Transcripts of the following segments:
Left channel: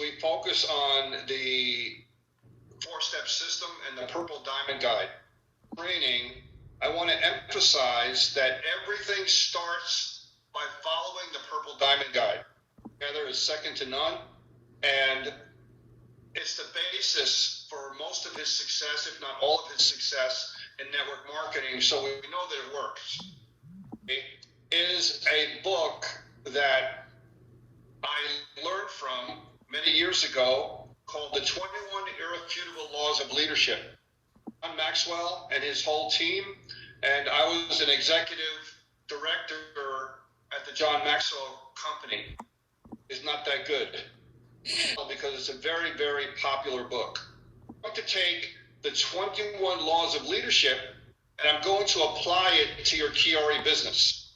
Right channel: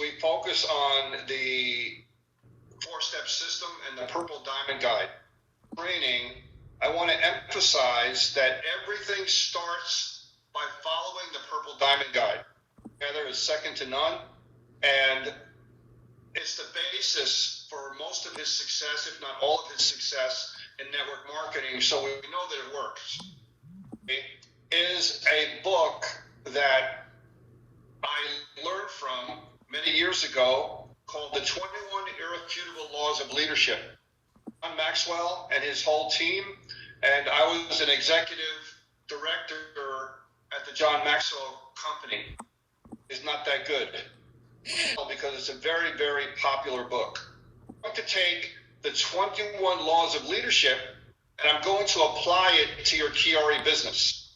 we focus on the four-step system and the Purple Diamond Guide. Training, I want to emphasize that everything starts by following the Purple Diamond Guide. Together is second to none, and it's the basis for most of his success, if not all of his success in network marketing, so we know that it works. It is a book that I learned from many years ago called The 21 Irrefutable Laws of Leadership. John Maxwell and his whole team, and I was an executive director at the John Maxwell Company. Is not that good because it's a very, very popular book. I'm going to take the 21 Laws of Leadership and I'm going to apply it to your QuiAri business.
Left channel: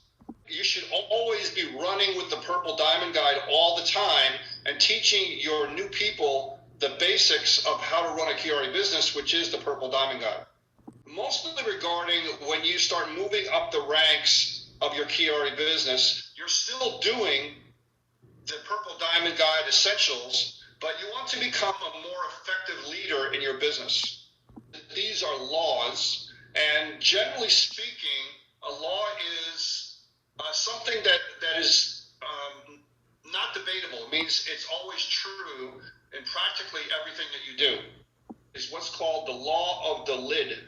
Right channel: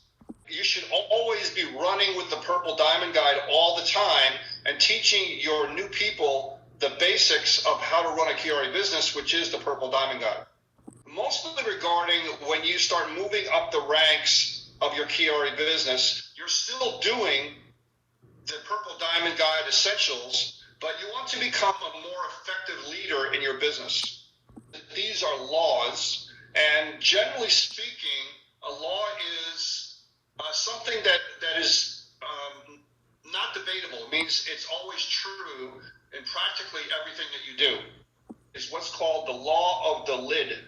You should always be running with the Purple Diamond Guide all the time and teaching your new people the basics of how to run a QuiAri business, which is the Purple Diamond Guide. Mostly regarding when you start moving up the ranks of your QuiAri business, you're still doing the Purple Diamond Guide essentials, but you want to become a more effective leader in your business. These are laws, and generally speaking, a law is something that is not debatable. It means it's always true in practically everything that you do. It's what's called the law of the lid.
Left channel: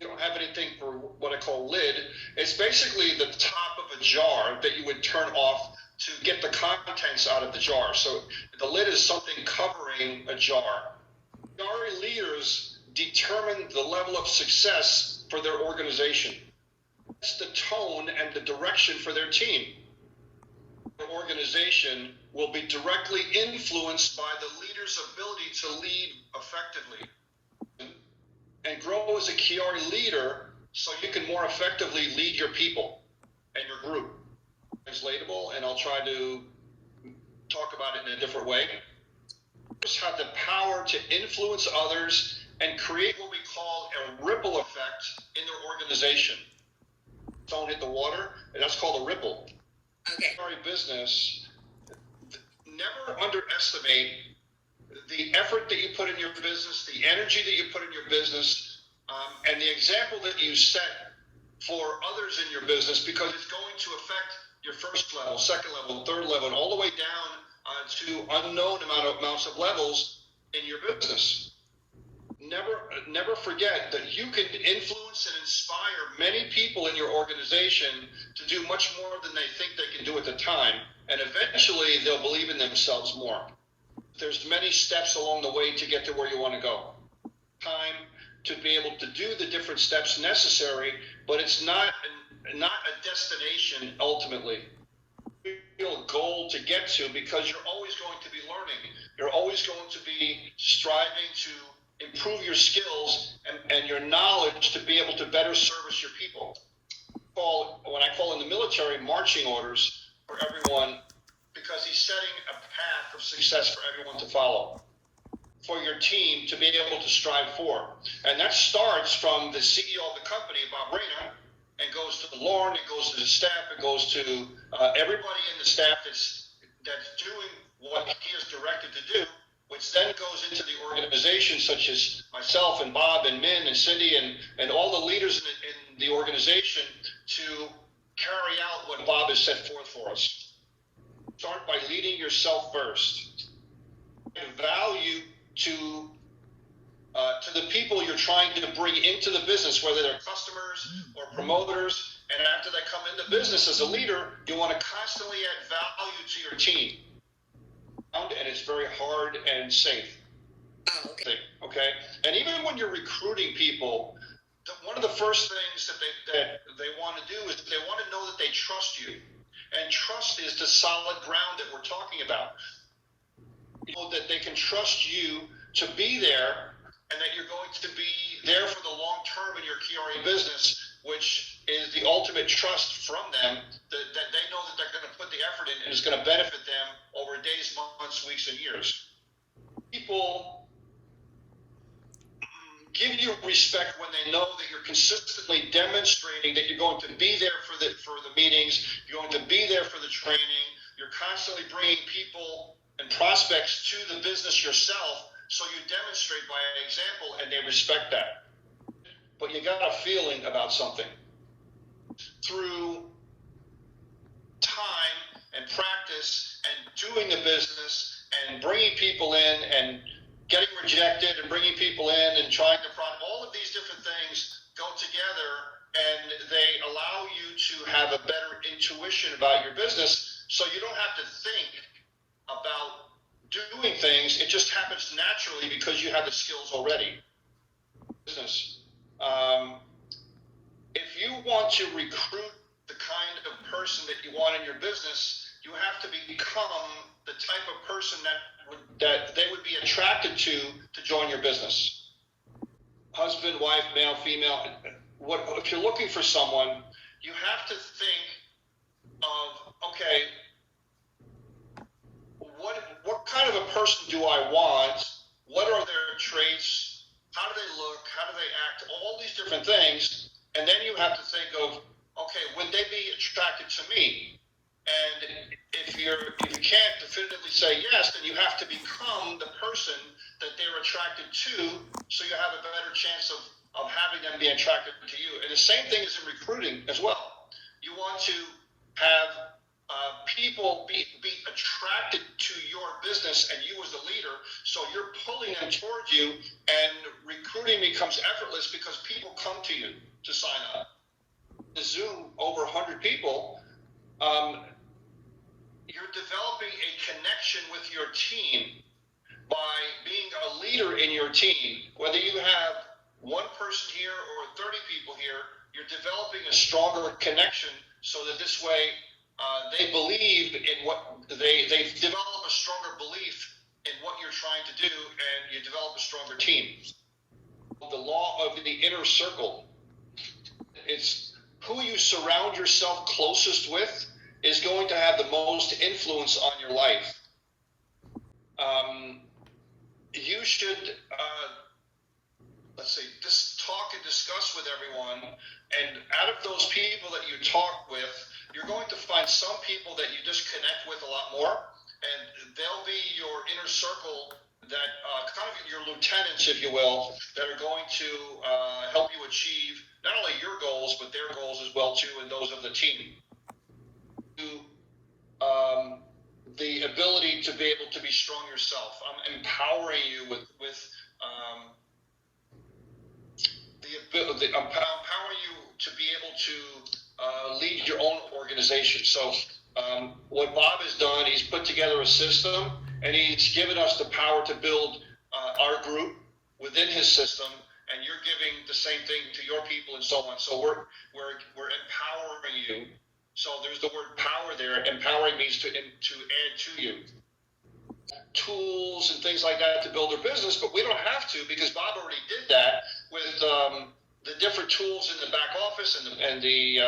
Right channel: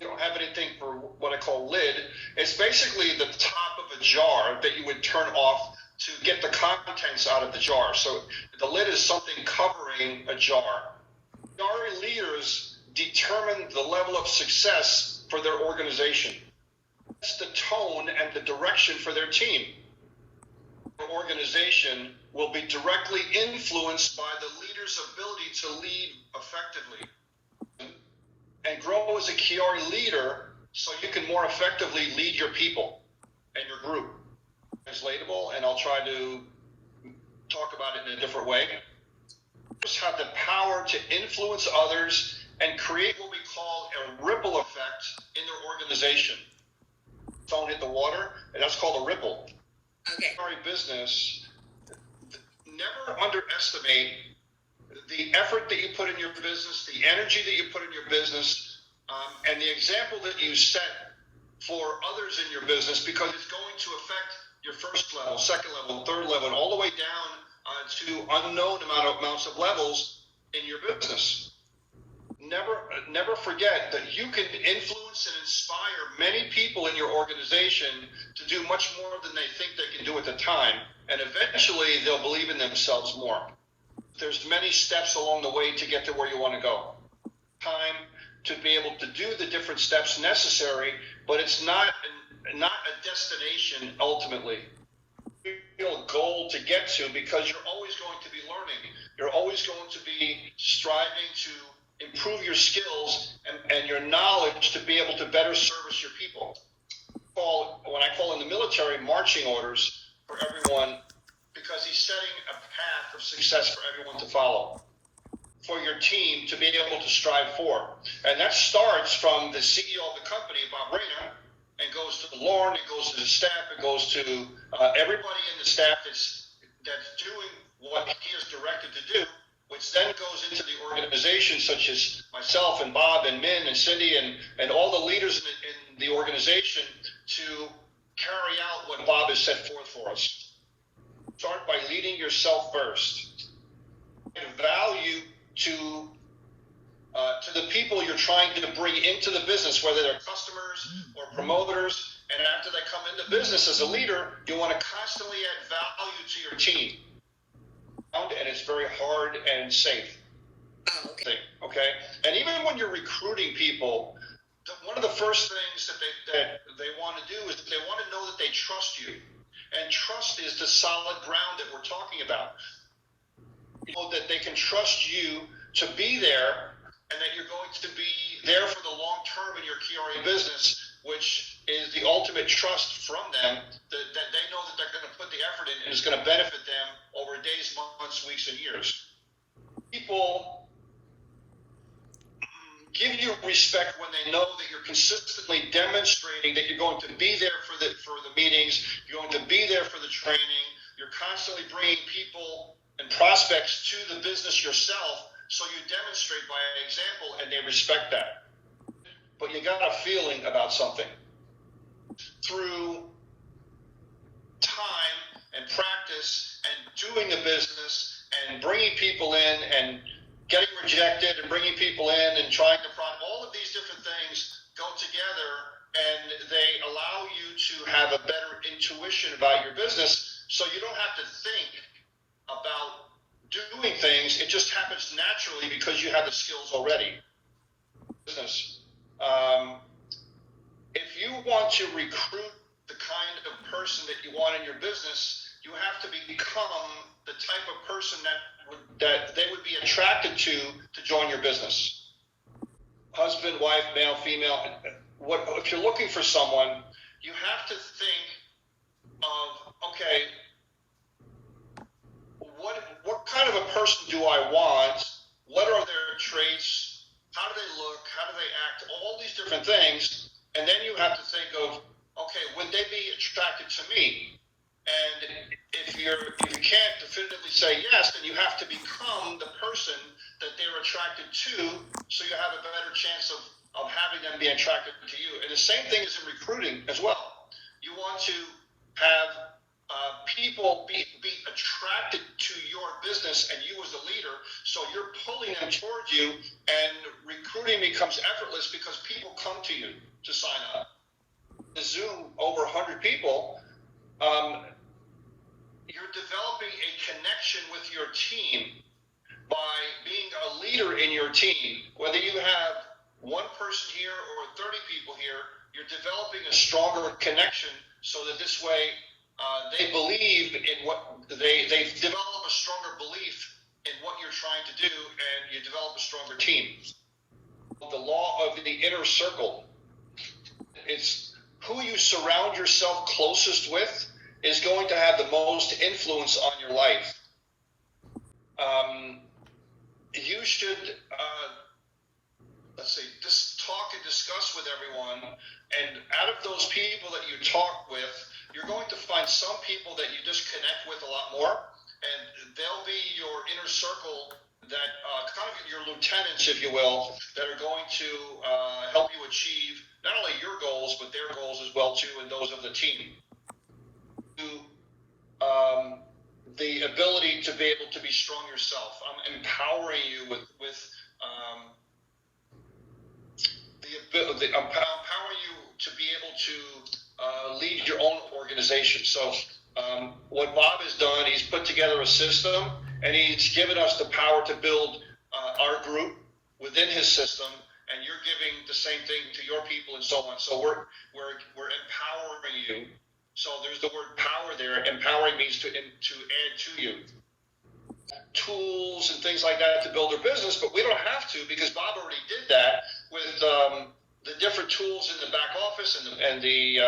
You don't have anything for what I call lid. It's basically the top of a jar that you would turn off to get the contents out of the jar. So the lid is something covering a jar. QuiAri leaders determine the level of success for their organization. It's the tone and the direction for their team. The organization will be directly influenced by the leader's ability to lead effectively and grow as a QuiAri leader so you can more effectively lead your people and your group. Translatable, and I'll try to talk about it in a different way. Just have the power to influence others and create what we call a ripple effect in their organization. Phone hit the water, and that's called a ripple. Okay. QuiAri business, never underestimate the effort that you put in your business, the energy that you put in your business, and the example that you set for others in your business, because it's going to affect your first level, second level, third level, and all the way down to unknown amounts of levels in your business. Never forget that you can influence and inspire many people in your organization to do much more than they think they can do at the time, and eventually they'll believe in themselves more. There's many steps along the way to get to where you want to go. Time to be able to do the different steps necessary, but it's not a destination ultimately. Real goal to get to, because you're always going to be learning. You're always going to be striving to improve your skills and your knowledge to be able to better service your people. When I call in the military, marching orders for everyone, because he's setting a path of success for everyone to follow, for your team to be able to strive for. And that starts from the CEO of the company, Bob Rayner, and goes to Lauren, it goes to the staff, it goes to everybody in the staff that's doing what he is directed to do, which then goes into the organization, such as myself and Bob and Min and Cindy and all the leaders in the organization, to carry out what Bob has set forth for us. Start by leading yourself first. Give value to the people you're trying to bring into the business, whether they're customers or promoters. And after they come into business as a leader, you want to constantly add value to your team. And it's very hard and safe. Oh, okay. Okay? And even when you're recruiting people, one of the first things that they want to do is they want to know that they trust you. And trust is the solid ground that we're talking about. You know, that they can trust you to be there, and that you're going to be there for the long term in your QuiAri business, which is the ultimate trust from them, that they know that they're going to put the effort in and it's going to benefit them over days, months, weeks, and years. People give you respect when they know that you're consistently demonstrating that you're going to be there for the meetings, you're going to be there for the training, you're constantly bringing people and prospects to the business yourself, so you demonstrate by example and they respect that. But you got a feeling about something. Through time and practice and doing the business and bringing people in and getting rejected and bringing people in and trying to all of these different things go together, and they allow you to have a better intuition about your business, so you don't have to think about doing things. It just happens naturally because you have the skills already. Business. If you want to recruit the kind of person that you want in your business, you have to become the type of person that they would be attracted to join your business. Husband, wife, male, female. If you're looking for someone, you have to think of, okay, what kind of a person do I want? What are their traits? How do they look? How do they act? All these different things. And then you have to think of, okay, would they be attracted to me? And if you can't definitively say yes, then you have to become the person that they're attracted to, so you have a better chance of having them be attracted to you. And the same thing is in recruiting as well. You want to have people be attracted to your business and you as a leader, so you're pulling them towards you, and recruiting becomes effortless because people come to you to sign up. To Zoom over 100 people, you're developing a connection with your team by being a leader in your team. Whether you have one person here or 30 people here, you're developing a stronger connection, so that this way they believe in what they develop a stronger belief in what you're trying to do, and you develop a stronger team. The law of the inner circle. It's who you surround yourself closest with is going to have the most influence on your life. You should, talk and discuss with everyone, and out of those people that you talk with, you're going to find some people that you just connect with a lot more, and they'll be your inner circle, that kind of your lieutenants, if you will, that are going to help you achieve not only your goals, but their goals as well too, and those of the team. The ability to be able to be strong yourself. I'm empowering you with I'm empowering you to be able to lead your own organization. So what Bob has done, he's put together a system, and he's given us the power to build our group within his system, and you're giving the same thing to your people and so on. So we're empowering you. So there's the word power there. Empowering means to add to you. Tools and things like that to build their business, but we don't have to, because Bob already did that with the different tools in the back office and the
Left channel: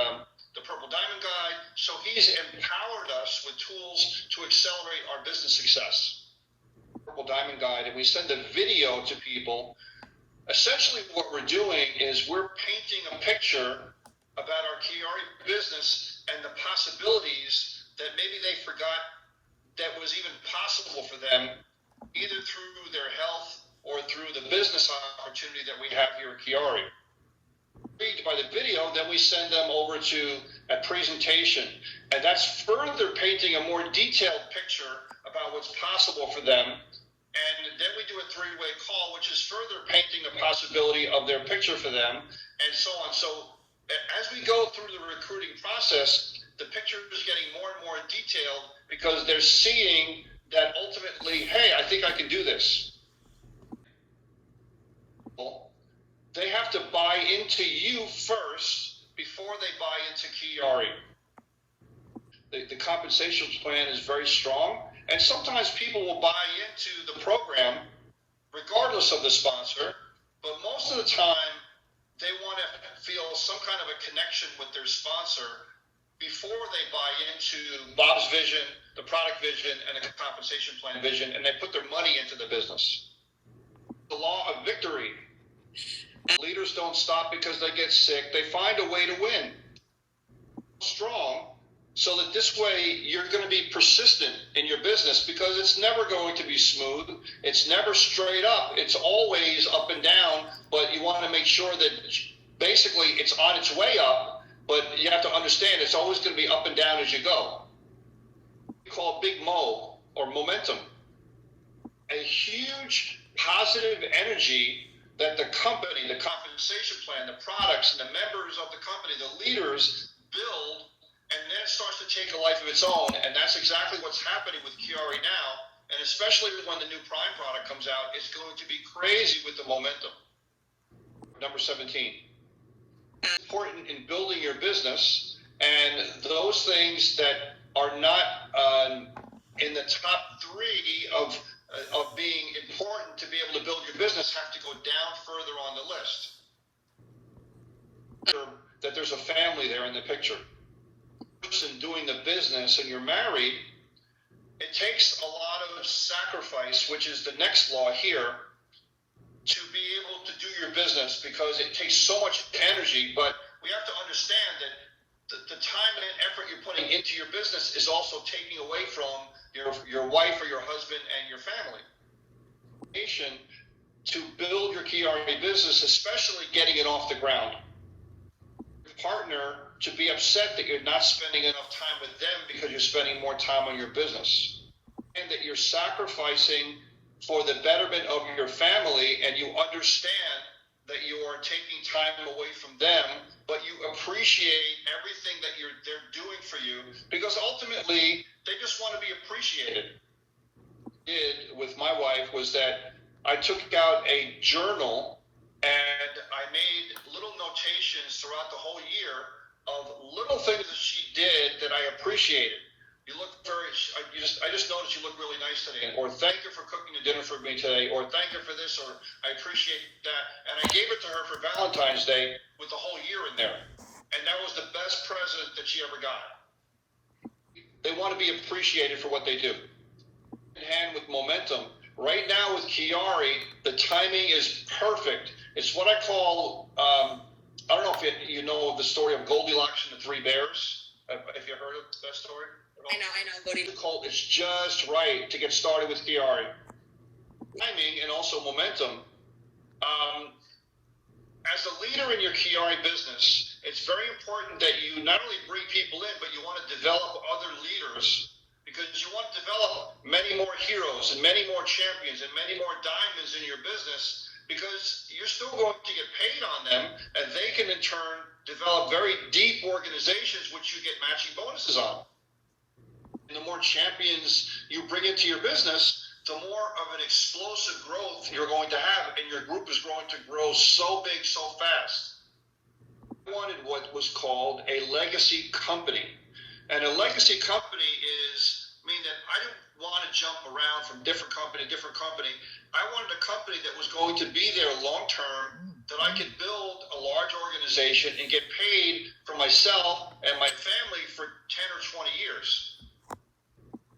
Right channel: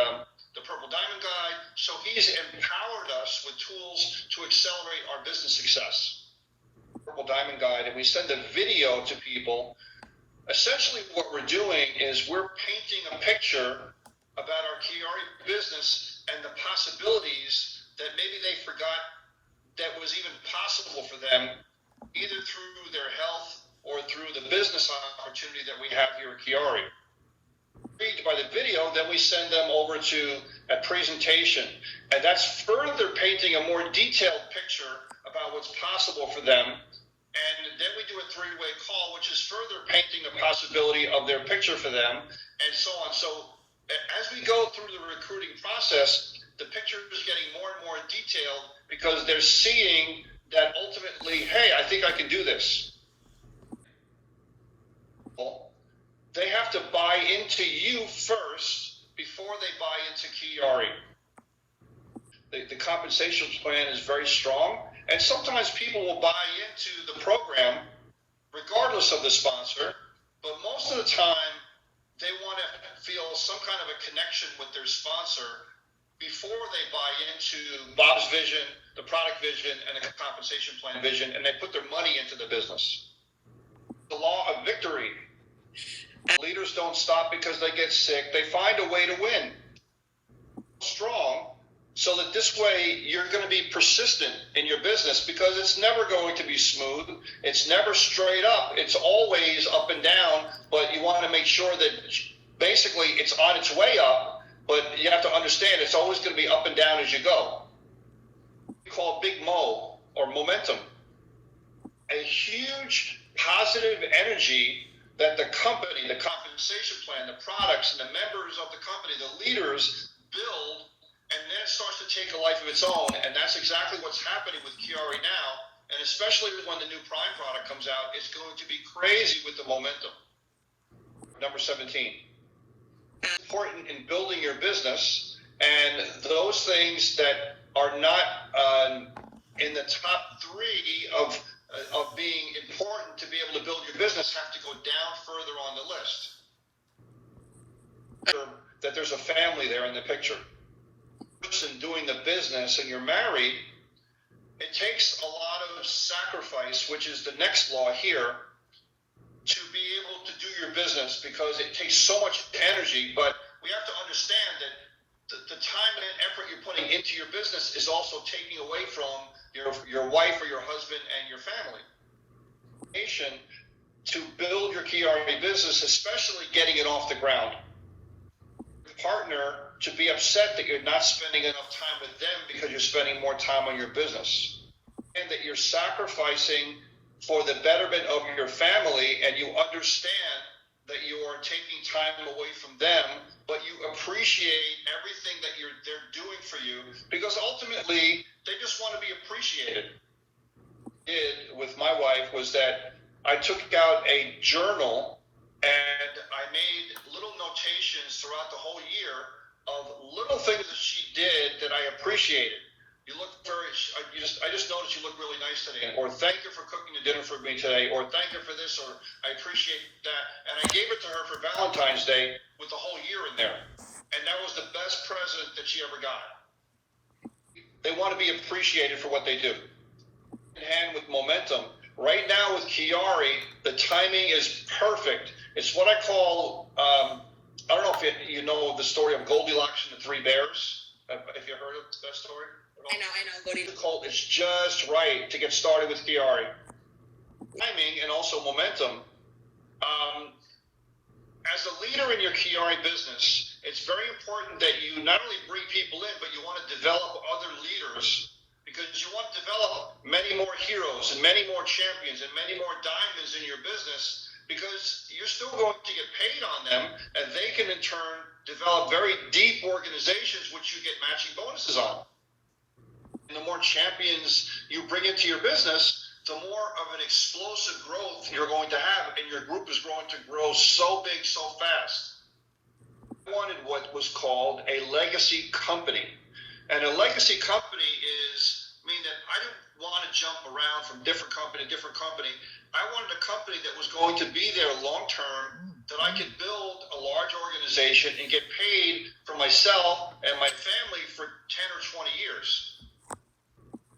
Purple Diamond Guide. So he's empowered us with tools to accelerate our business success. Purple Diamond Guide, and we send a video to people. Essentially what we're doing is we're painting a picture about our QuiAri business and the possibilities that maybe they forgot that was even possible for them, either through their health or through the business opportunity that we have here at QuiAri. By the video, then we send them over to a presentation, and that's further painting a more detailed picture about what's possible for them. And then we do a three-way call, which is further painting the possibility of their picture for them, and so on. So as we go through the recruiting process, the picture is getting more and more detailed, because they're seeing that ultimately, hey, I think I can do this. They have to buy into you first before they buy into QuiAri. The compensation plan is very strong, and sometimes people will buy into the program regardless of the sponsor, but most of the time they want to feel some kind of a connection with their sponsor before they buy into Bob's vision, the product vision, and the compensation plan vision, and they put their money into the business. The law of victory. Leaders don't stop because they get sick. They find a way to win. Strong so that this way you're going to be persistent in your business, because it's never going to be smooth. It's never straight up. It's always up and down, but you want to make sure that basically it's on its way up, but you have to understand it's always going to be up and down as you go. We call it big mo, or momentum. A huge positive energy that the company, the compensation plan, the products, and the members of the company, the leaders build, and then it starts to take a life of its own. And that's exactly what's happening with QuiAri now. And especially when the new Prime product comes out, it's going to be crazy with the momentum. Number 17. It's important in building your business, and those things that are not in the top 3 of being important to be able to build your business have to go down further on the list. That there's a family there in the picture. Person doing the business, and you're married, it takes a lot of sacrifice, which is the next law here, to be able to do your business, because it takes so much energy. But we have to understand that the time and effort you're putting into your business is also taking away from your wife or your husband and your family. To build your QuiAri business, especially getting it off the ground. Your partner to be upset that you're not spending enough time with them because you're spending more time on your business, and that you're sacrificing for the betterment of your family, and you understand that you are taking time away from them, but you appreciate everything that they're doing for you, because ultimately they just want to be appreciated. With my wife was that I took out a journal and I made little notations throughout the whole year of little things that she did that I appreciated. You look I just noticed you look really nice today, or thank you for cooking the dinner for me today, or thank you for this, or I appreciate that. And I gave it to her for Valentine's Day with the whole year in there. And that was the best present that she ever got. They want to be appreciated for what they do. In hand with momentum. Right now with QuiAri, the timing is perfect. It's what I call, I don't know if you know the story of Goldilocks and the Three Bears. Have you heard of that story? I know. It's just right to get started with QuiAri. Timing and also momentum. As a leader in your QuiAri business, it's very important that you not only bring people in, but you want to develop other leaders, because you want to develop many more heroes and many more champions and many more diamonds in your business, because you're still going to get paid on them, and they can in turn develop very deep organizations which you get matching bonuses on. And the more champions you bring into your business, the more of an explosive growth you're going to have, and your group is going to grow so big, so fast. I wanted what was called a legacy company. And a legacy company mean that I didn't want to jump around from different company to different company. I wanted a company that was going to be there long term, that I could build a large organization and get paid for myself and my family for 10 or 20 years.